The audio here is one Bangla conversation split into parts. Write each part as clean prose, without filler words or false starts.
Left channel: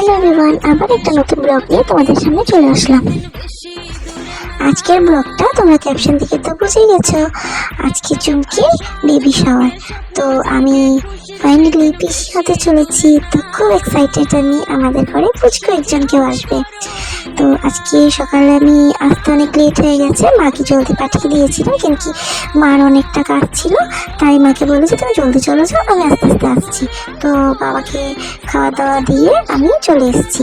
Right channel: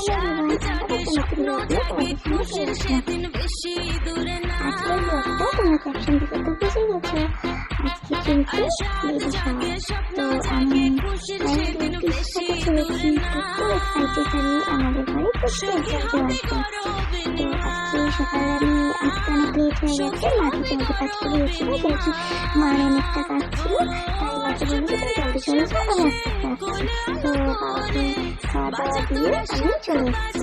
হ্যালো এভরিওয়ান, আবার একটা নতুন ব্লগ নিয়ে তোমাদের সামনে চলে আসলাম। আজকের ব্লগটা তোমরা ক্যাপশন থেকে তো বুঝেই গেছো, আজকে চুমকির বেবি শাওয়ার। তো আমি ফাইনালি পিসি হতে চলেছি, তো খুব এক্সাইটেড। আমি আমাদের ঘরে পুচকু একজন কেউ আসবে। তো আজকে সকালে আমি আসতে অনেক লেট হয়ে গেছে, মাকে জলদি পাঠিয়ে দিয়েছিলাম, কিন্তু মার অনেকটা কাজ ছিল, তাই মাকে বলেছি তুমি জলদি চলে যাও, আমি আস্তে আস্তে আসছি। তো বাবাকে খাওয়া দাওয়া দিয়ে আমি চলে এসেছি।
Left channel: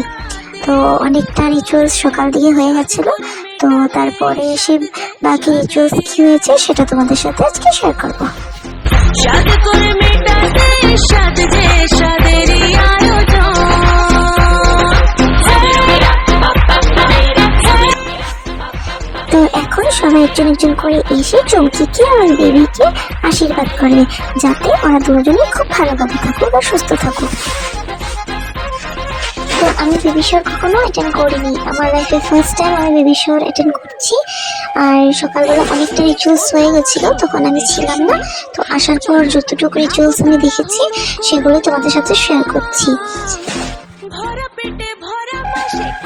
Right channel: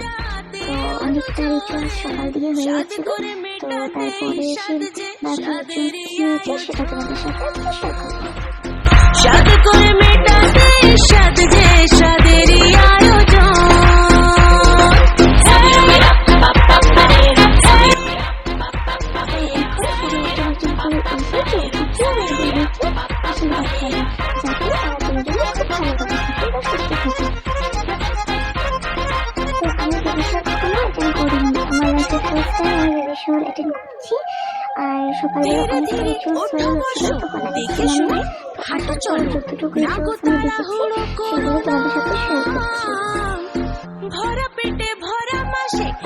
তো অনেকটা রিচুয়ালস সকাল দিকে হয়ে গেছিলো। তো তারপরে এসে বাকি রিচুয়ালস কি হয়েছে সেটা তোমাদের সাথে আজকে শেয়ার করবো। সাদ করে মেটাতে সাদ যে সাদেরই আয়োজন। তো এখন সবাই একজন একজন করে এসে চুমকিকে আর বেবিকে আশীর্বাদ করে, যাতে ওরা দুজনে খুব ভালোভাবে থাকুক আর সুস্থ থাকুক। তো আমি বেবি শাওয়ার কখনো অ্যাটেন্ড করিনি, আমার লাইফে ফার্স্ট টাইম আমি বেবি শাওয়ার অ্যাটেন্ড করছি। আর সকালবেলা অনেকটা রিচুয়ালস হয়ে গেছিলো, তখন আমি ছিলাম না। তো আসার পর যতটুকু রিচুয়ালস আমি দেখেছি সেগুলো তোমাদের সাথে শেয়ার করছি।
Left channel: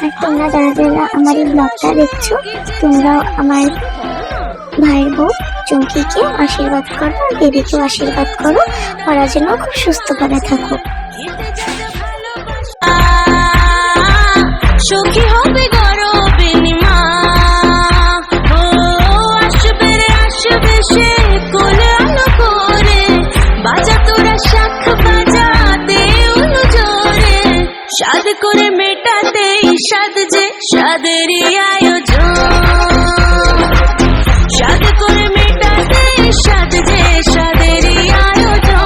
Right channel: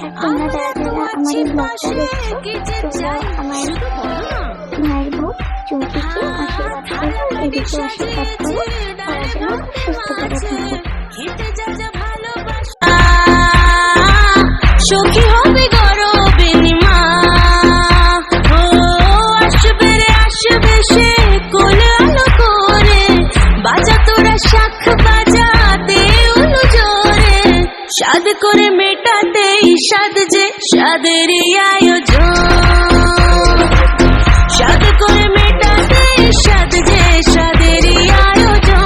আর তোমরা যারা যারা আমার এই ব্লগটা দেখছো, তোমরা আমার ভাইয়ের বউ চুমকিকে আশীর্বাদ করো, আর বেবিকে আশীর্বাদ করো, ওরা যেন খুব সুস্থ করে থাকো। সখী হবে গরবে নিমা, ও আসবে রে আসবে সে কোলে আলো করে, বাজা তোরা শাখ বাজা দে উলু জোরে, সাদ করে মেটাতে সাদ যে সাদেরই আয়োজন। সাদ করে মেটাতে সাদ যে সাদেরই আয়োজন।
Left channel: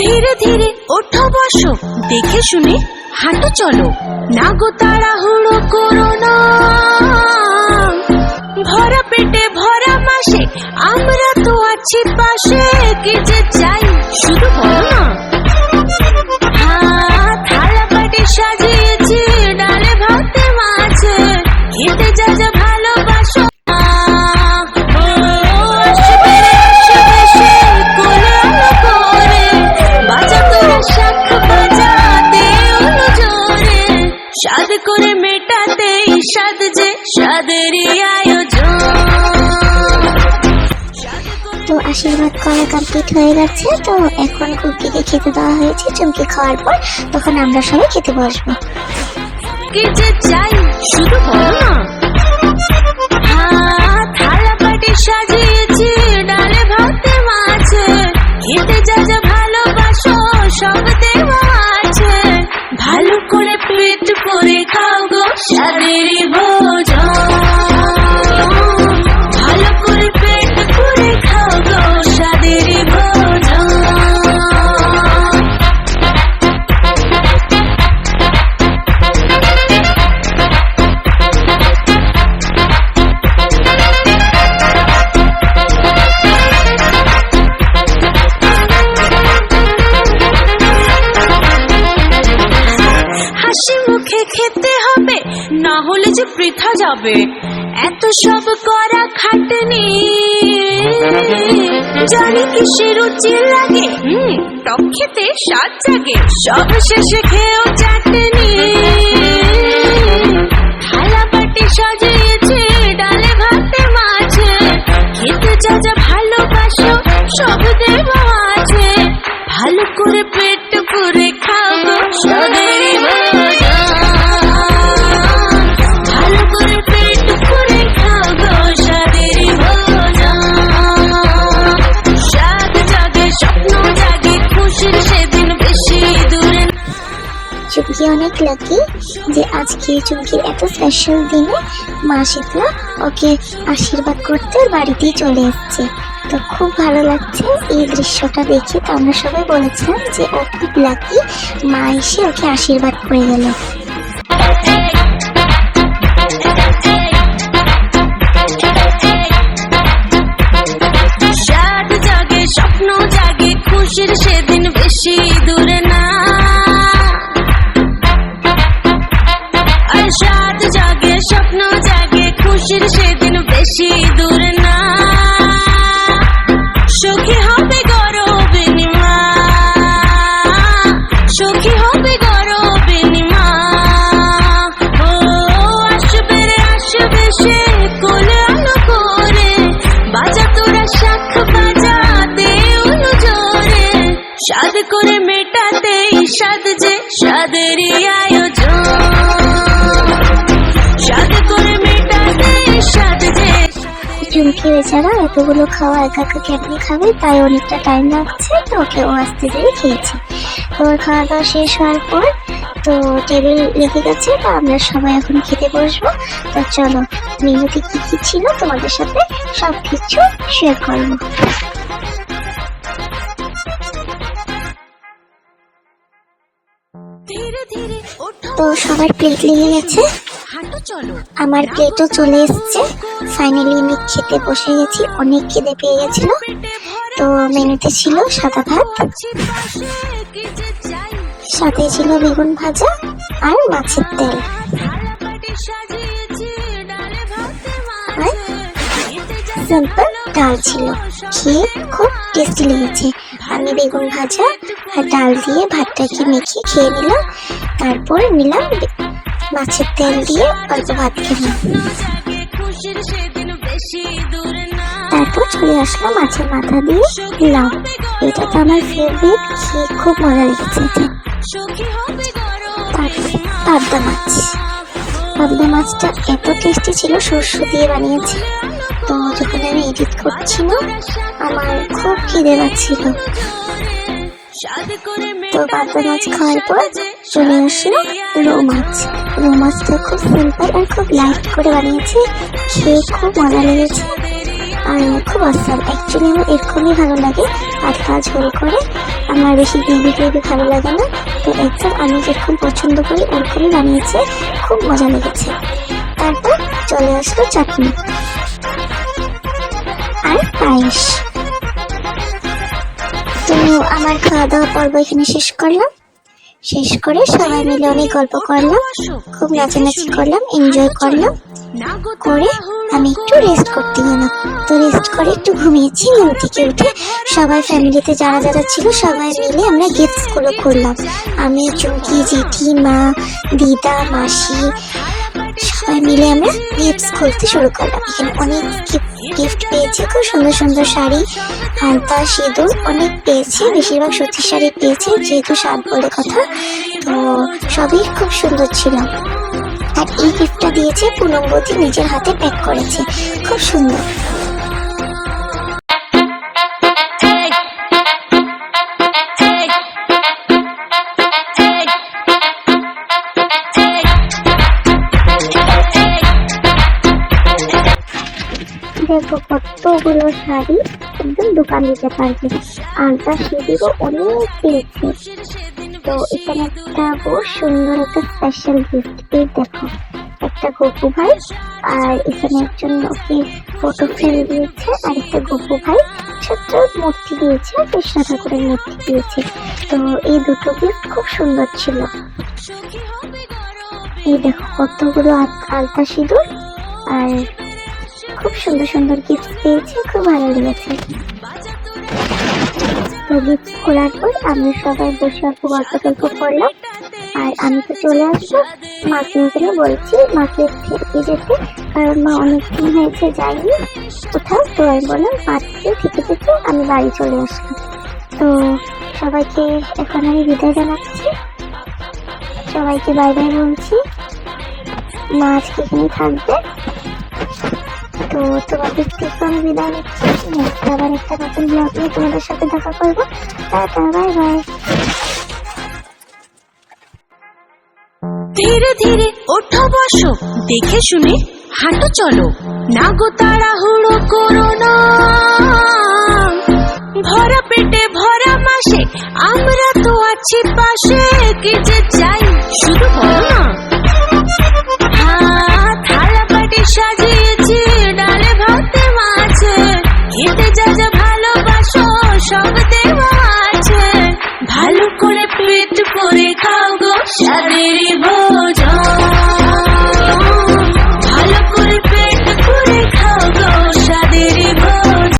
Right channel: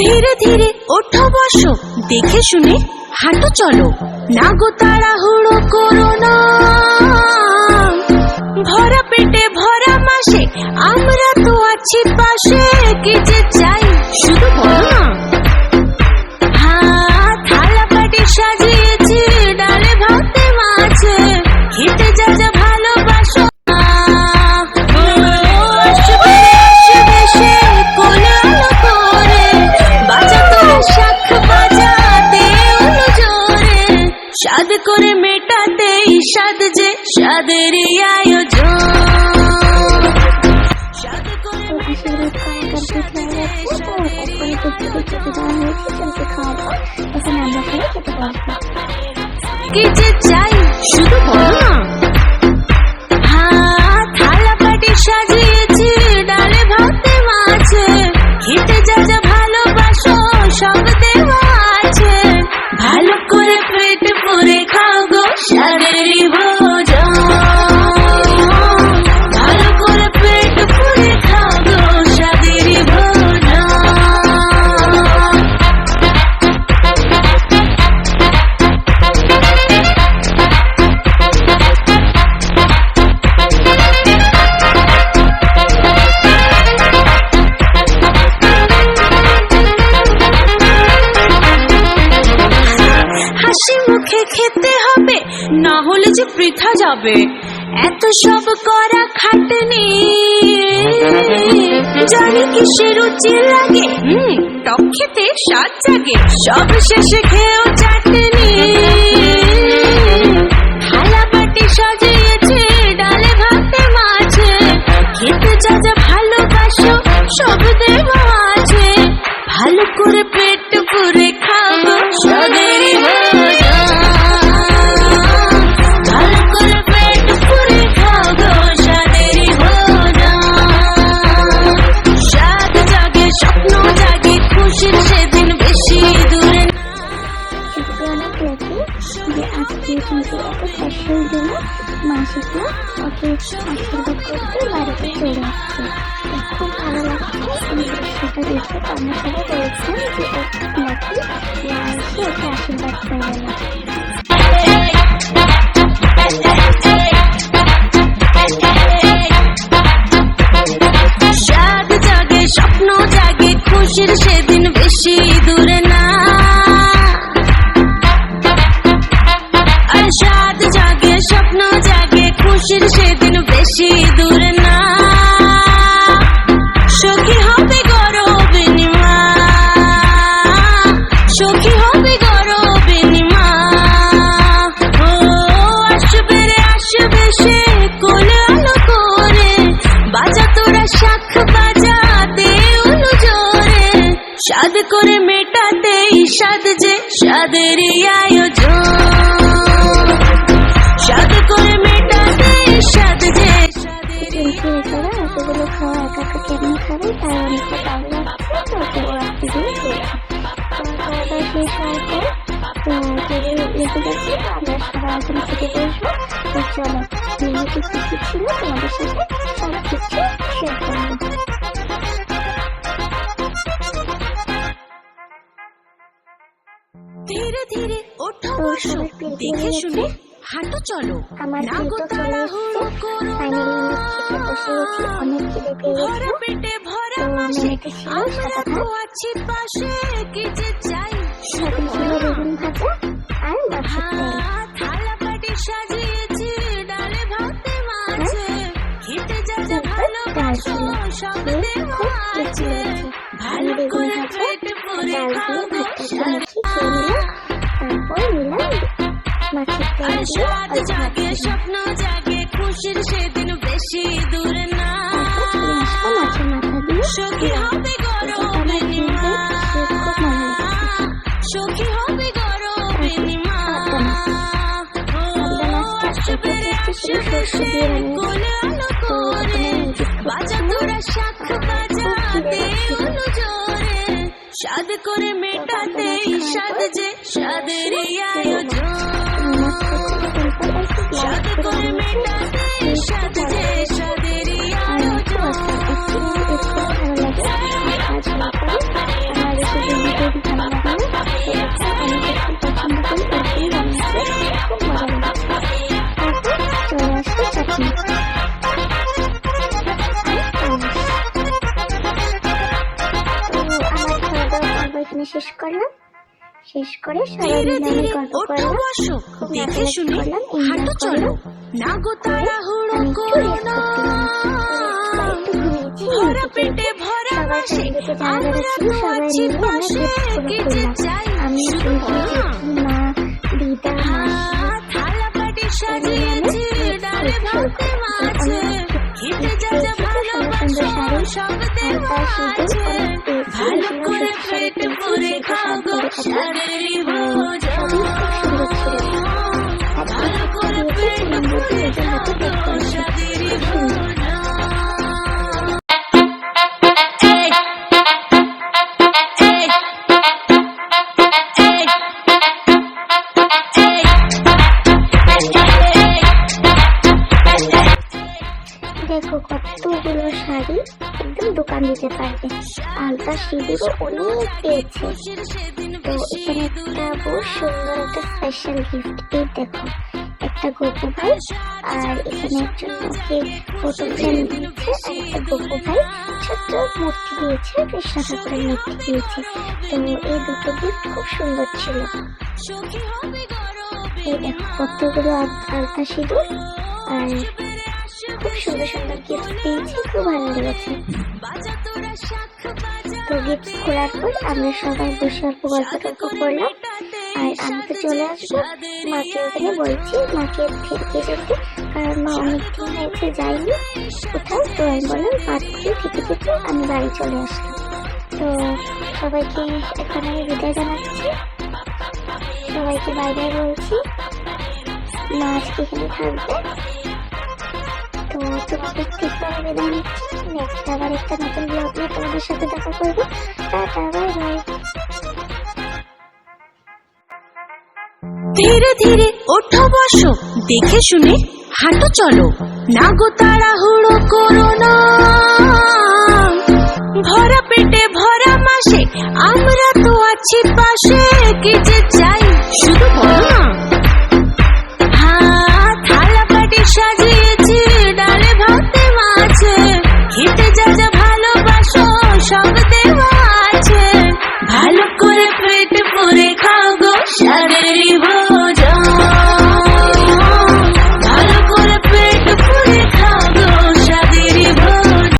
ধীরে ধীরে ওঠো বসো, দেখে শুনে হাঁটো চলো, না গো তাড়াহুড়ো করো না। ভরা পেটে ভরা মাসে আমরা তো আছি পাশে, কি যে চাই শুধু বলো না। হ্যাঁ থালা বাটি সাজিয়েছি ডালে ভাতে মাছে, খেতে যা যা ভালোবাসো। সাদ করে মেটাতে সাদ যে সাদেরই আয়োজন। তো আশীর্বাদ করা কমপ্লিট হয়ে গেছে। তো এখন কুকিকে খেতে দেওয়া হয়েছে, চুমকি খাওয়ার পর তখন আমরা সবাই খেতে বসবো। কি যে চাই শুধু বলো না। হ্যাঁ থালা বাটি সাজিয়েছি ডালে ভাতে মাছে, খেতে যা যা ভালোবাসো সব দেওয়া আছে, ভালো করে পেট ভরে খাও গো সাদেরই ভোজন। ভালো করে পেট ভরে খাও গো সাদেরই ভোজন। হাসি মুখে খেতে হবে, না হলে যে বৃথা যাবে, এত সব করা খাটনি। জানি কিসের রুচি লাগে, টক খেতে স্বাদ জাগে, সব শেষে খেয়েও চাটনি। থালা বাটি সাজিয়েছে ডালে ভাতে মাছে, খেতে যা যা ভালোবাসো সব দেওয়া আছে, ভালো করে পেট পুরে খাও গো সাদেরই ভোজন। ভালো করে পেট পুরে খাও গো সাদেরই ভোজন। সাদ জাগে স্বপ্ন জাগে খুশির সেদিন বেশি দূরে। চুমকি অনেক লাকি যে আজকে চুমকির এত স্পেশাল দিনে মা শীতলা ওকে আশীর্বাদ করতে বাড়িতেই চলে এসেছে। তো খুব ভালো লাগছে এই দৃশ্যটা দেখে। তো আমরা সবাই বলেছিলাম যে ও খুব লাকি, মা এসে ওকে আশীর্বাদ করে গেল। সাদ জাগে খুশির সেদিন বেশি দূরে না। আর সাত জাগে স্বপ্ন জাগে খুশির সেদিন বেশি দূরে না। সখী হবে গরবিনী মা, সখী হবে গরবিনী মা। ও আসবে রে আসবে সে কোলে আলো করে, বাজা তোরা শাখ বাজা দে উলু জোরে। সাদ করে মেটাতে সাদ যে সাদেরই আয়োজন, সাদ করে মেটাতে সাদ যে। চুমকি বেচারা এতগুলো খাওয়া একা একা কেমনি খাবে, তাই অনেকটা টাইম লাগছে, তো ওকে ও আস্তে ধীরে খেয়েছে। তো ওর খাওয়া দাওয়া শেষ হওয়ার পর তো টেবিল লেগে গেছে, তো আমরা সবাই এখন খেতে বসবো। তো চলো মেনুতে কি কি ছিল তোমাদের সাথে সব কিছু শেয়ার করবো। ধীরে ধীরে ওঠো, তো সবার প্লেট লেগে গেছে, হাঁটো চলো। আমার প্লেটও চলে এসছে। ফাইনালি আমি খেতে বসে গেছি, অনেক খিদে পেয়ে গেছিল। তো মেনুতে ছিল সাদা ভাত, সাথে ছিল বেগুন ভাজা আর মাছের তেল, সিম্পল ডাল ছিল। খেয়ে খুব টেস্টি লেগেছে। আমি বেগুন ভাজা আর ডাল দিয়ে ভাতটাকে মেখে খেয়ে দিলাম, তারপর নিলাম মাছের তেল দিয়ে অল্প ভাত খেলাম। তারপর চলে আসলো মাছের মাথা দিয়ে দিলাম। এটা তো আমার ফেভারিট, খেয়ে খুব মজা লেগেছে। পাবদা মাছ, পাবদা মাছটা এত টেস্টি ছিল, সর্ষে দিয়ে বানিয়েছি। তো যখন আমি এডিট করছিলাম আমার খুব খিদে লাগছিল। তো পাবদা মাছ খাওয়ার পর চলে আসলো রৌ মাছ। রৌ মাছটা খুব সিম্পল আর খুব লাইট করে বানিয়েছি, খেয়ে খুব মজা লেগেছে আর খুব আসাম। অ্যাকচুয়ালি আমার এরকমই ভালো লাগে, হালকা ঝোল করে, আমার বেশি গ্রেভি টেভি ভালো লাগে না। তো একদম আমি যেরকম পছন্দ করি ওরকমই বানিয়েছে, খুব মজা লেগেছে। তারপর চলে আসলো চাটনি আর পায়েস। তো আমার খাওয়া দাওয়া পর্ব এখানে শেষ করলাম। শেষ করে সবাই মিলে অনেক গল্প করলাম, খুব নাচানাচি করলাম, এনজয় করলাম। করে আমি একটু রেস্ট করতে গেলাম। তো রেস্ট করে একটু ঘুমিয়েছি। ঘুম থেকে উঠে সবাই ফ্যামিলিতে যারা যারা ছিল সবাই মিলে আমরা গিফটস গুলো করলাম। আমি চুমকি, জেঠি, মা, দিদা, মাসি সবাই মিলে আমরা গিফটস খুলতে শুরু করলাম। অনেক গিফট পেয়েছি, খুব সুন্দর সুন্দর শাড়ি, হালকা সিঁদুর অনেক পেয়েছি, বেশিরভাগ সত্যি শাড়ি পেয়েছি যেহেতু সাত বলে কথা। তো সবই খুব সুন্দর ছিল। আর এই গিফটটা দিয়েছে পুনমবতী, নিজের হাতে প্যাক করেছে, খুব সুন্দর। দেখো কতগুলো শাড়ি, একদম দোকান দিতে পারবে। আর তার সেগুলো অনেক পেয়েছে। তো এখানে একটা বহু সুন্দর একটা স্পেশাল গিফট। এই দেখো একটা গপু ভাই, আর এখানে একজন ওকে ফটো ফ্রেম দিয়েছে, আর একটা গপু ভাই ছোট্ট মূর্তি দিয়েছে, কৃষ্ণ ঠাকুরের মূর্তি দিয়েছে। তো এই দুটো গিফট খুব সুন্দর ছিল। এই দেখো কতগুলো আলতা সিঁদুর, আর খুব সুন্দর সুন্দর গিফট পেয়েছি, খুব ভালো লেগেছে। তো গিফট খোলার পর আমরা সবাই বসে অল্প গল্প টল্প করলাম। আর আমি তো চলে আসবো, মাকে ওখানে বলছি মাকে খেতে যেতে, কারণ মা অনেকদিন হয়েছে যায়নি কোথাও। তো আমি বললাম মাকে খেতে খেতে আমি বাড়ি চলে আসলাম। তো সবাইকে এখন আমি বিদায় জানাচ্ছি, সবাইকে বাই বাই বলছি। মা আজকে এখানে থাকবে। তো তোমাদের থেকে আমি বিদায় নিচ্ছি। নেক্সট আবার একটা নতুন ব্লগ নিয়ে তোমাদের সাথে দেখা করবো। Tata, bye bye. ধীরে ধীরে ওঠো বসো, দেখে শুনে হাঁটো চলো, না গো তাড়াহুড়ো করো না। ভরা পেটে ভরা মাসে আমরা তো আছি পাশে, কি যে চাই শুধু বলো না। হ্যাঁ থালা বাটি সাজিয়েছি, ডালে ভাতে মাছে, খেতে যা যা ভালোবাসো সব দেওয়া আছে। ভালো করে পেট ভরে খাও গো স্বাদেরই ভোজ।